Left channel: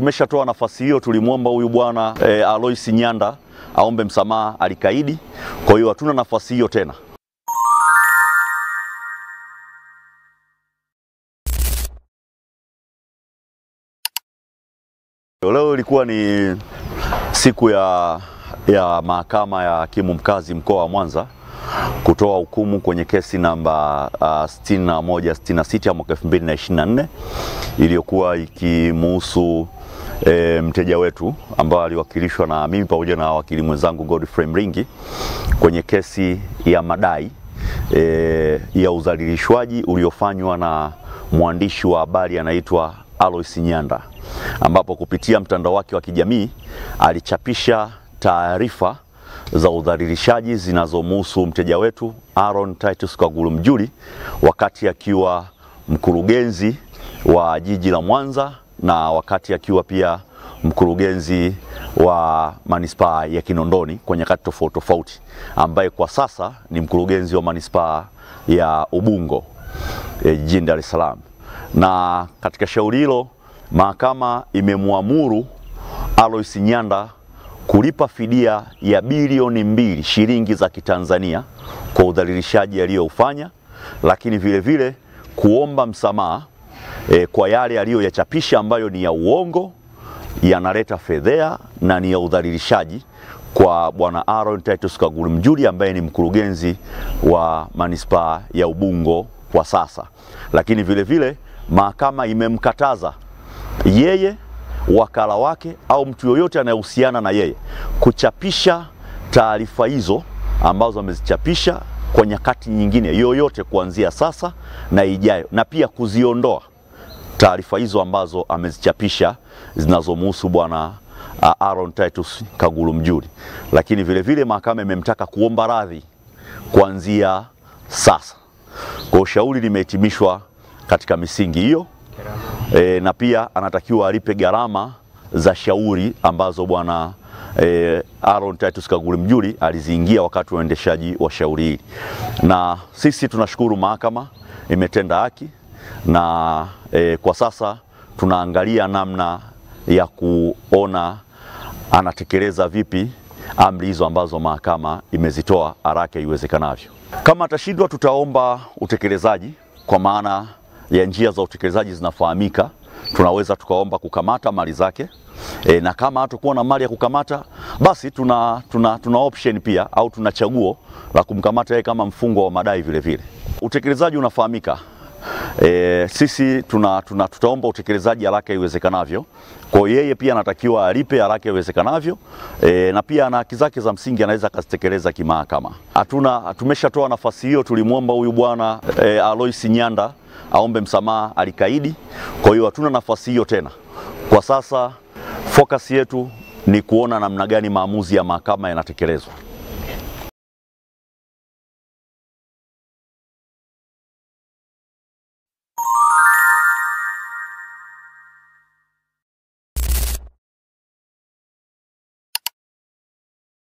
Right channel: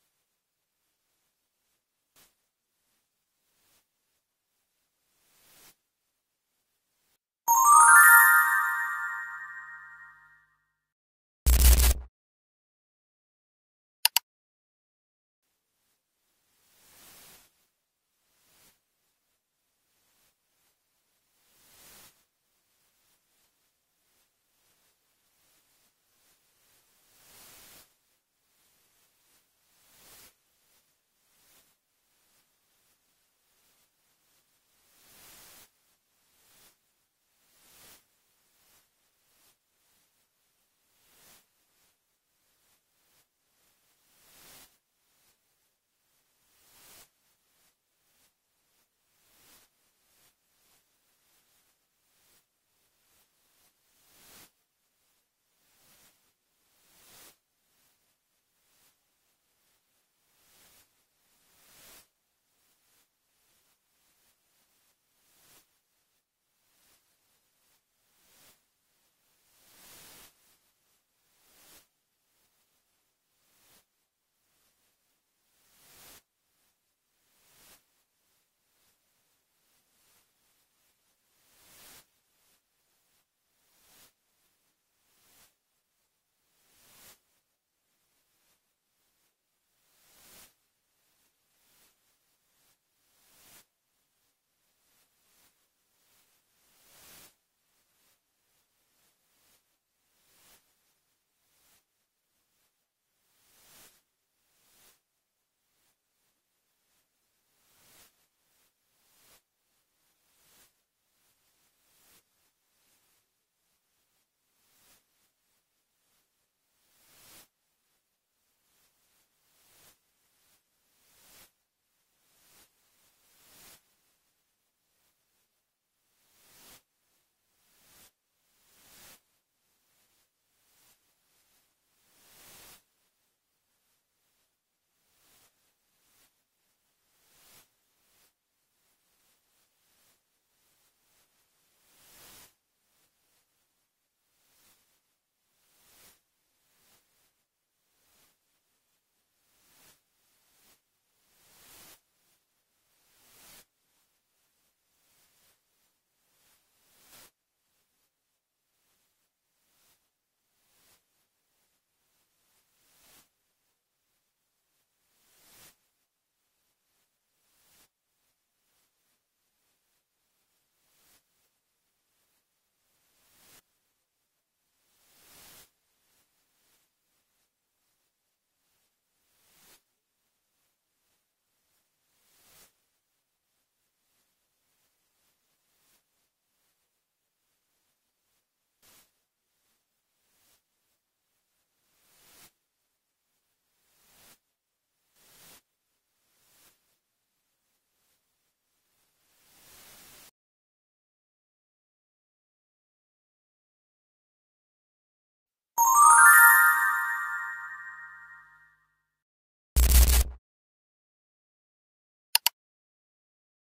Tumeshatoa nafasi hiyo, tulimwomba huyu bwana Alois Nyanda aombe msamaha, alikaidi. Kwa hiyo hatuna nafasi hiyo tena. Leo ilikuwa ni siku ya mahakama ya hakimu mkazi mkoa wa Mwanza kutoa hukumu kwenye kesi namba 6166 ya mwaka 2024 iliyokuwa ikimuhusu mteja wetu ambao aliwakilishwa na mimi pamoja na wakili mwenzangu Godfrey Mringi kwenye kesi ya madai ya udhalilishwaji uliofanywa na mwandishi wa habari anaitwa Alois Nyanda, ambapo kupitia mtandao wake wa kijamii alichapisha taarifa za udhalilishaji zinazomhusu mteja wetu Aaron Titus Kaguru Mjuli wakati akiwa mkurugenzi wa jiji la Mwanza na wakati akiwa pia mkurugenzi wa manispaa ya Kinondoni kwa nyakati tofauti tofauti, ambaye kwa sasa ni mkurugenzi wa manispaa ya Ubungo jijini Dar es Salaam. Na katika shauri hilo mahakama imemwamuru Alois Nyanda kulipa fidia ya bilioni 2 shilingi za Kitanzania kwa udhalilishaji aliyoufanya, lakini vile vile kuomba msamaha kwa yale aliyoyachapisha ambayo ni ya uongo, yanaleta fedhea na ni ya udhalilishaji kwa bwana Aaron Titus Kaguru Mjuli ambaye ni mkurugenzi wa manispaa ya Ubungo kwa sasa. Lakini vile vile mahakama imemkataza yeye, wakala wake au mtu yoyote anayehusiana na yeye kuchapisha taarifa hizo ambazo amezichapisha kwa nyakati nyingine yoyote kuanzia sasa na ijayo, na pia kuziondoa taarifa hizo ambazo amezichapisha zinazomhusu bwana Aaron Titus Kaguru Mjuli. Lakini vile vile mahakama imemtaka kuomba radhi kuanzia sasa. Kwa shauri limehitimishwa katika misingi hiyo. Na pia anatakiwa alipe gharama za shauri ambazo bwana Aaron Titus Kaguru Mjuli aliziingia wakati wa uendeshaji wa shauri hili. Na sisi tunashukuru mahakama imetenda haki, na kwa sasa tunaangalia namna ya kuona anatekeleza vipi amri hizo ambazo mahakama imezitoa haraka iwezekanavyo. Kama atashindwa, tutaomba utekelezaji, kwa maana ya njia za utekelezaji zinafahamika. Tunaweza tukaomba kukamata mali zake, na kama hatakuwa na mali ya kukamata, basi tuna option pia au tuna chaguo la kumkamata yeye kama mfungwa wa madai vile vile. Utekelezaji unafahamika. Sisi tutaomba utekelezaji haraka iwezekanavyo. Kwa yeye pia anatakiwa alipe haraka iwezekanavyo, na pia na haki zake za msingi anaweza kuzitekeleza kimahakama. Tumeshatoa nafasi hiyo, tulimwomba huyu bwana Alois Nyanda aombe msamaha, alikaidi. Kwa hiyo hatuna nafasi hiyo tena. Kwa sasa focus yetu ni kuona namna gani maamuzi ya mahakama yanatekelezwa.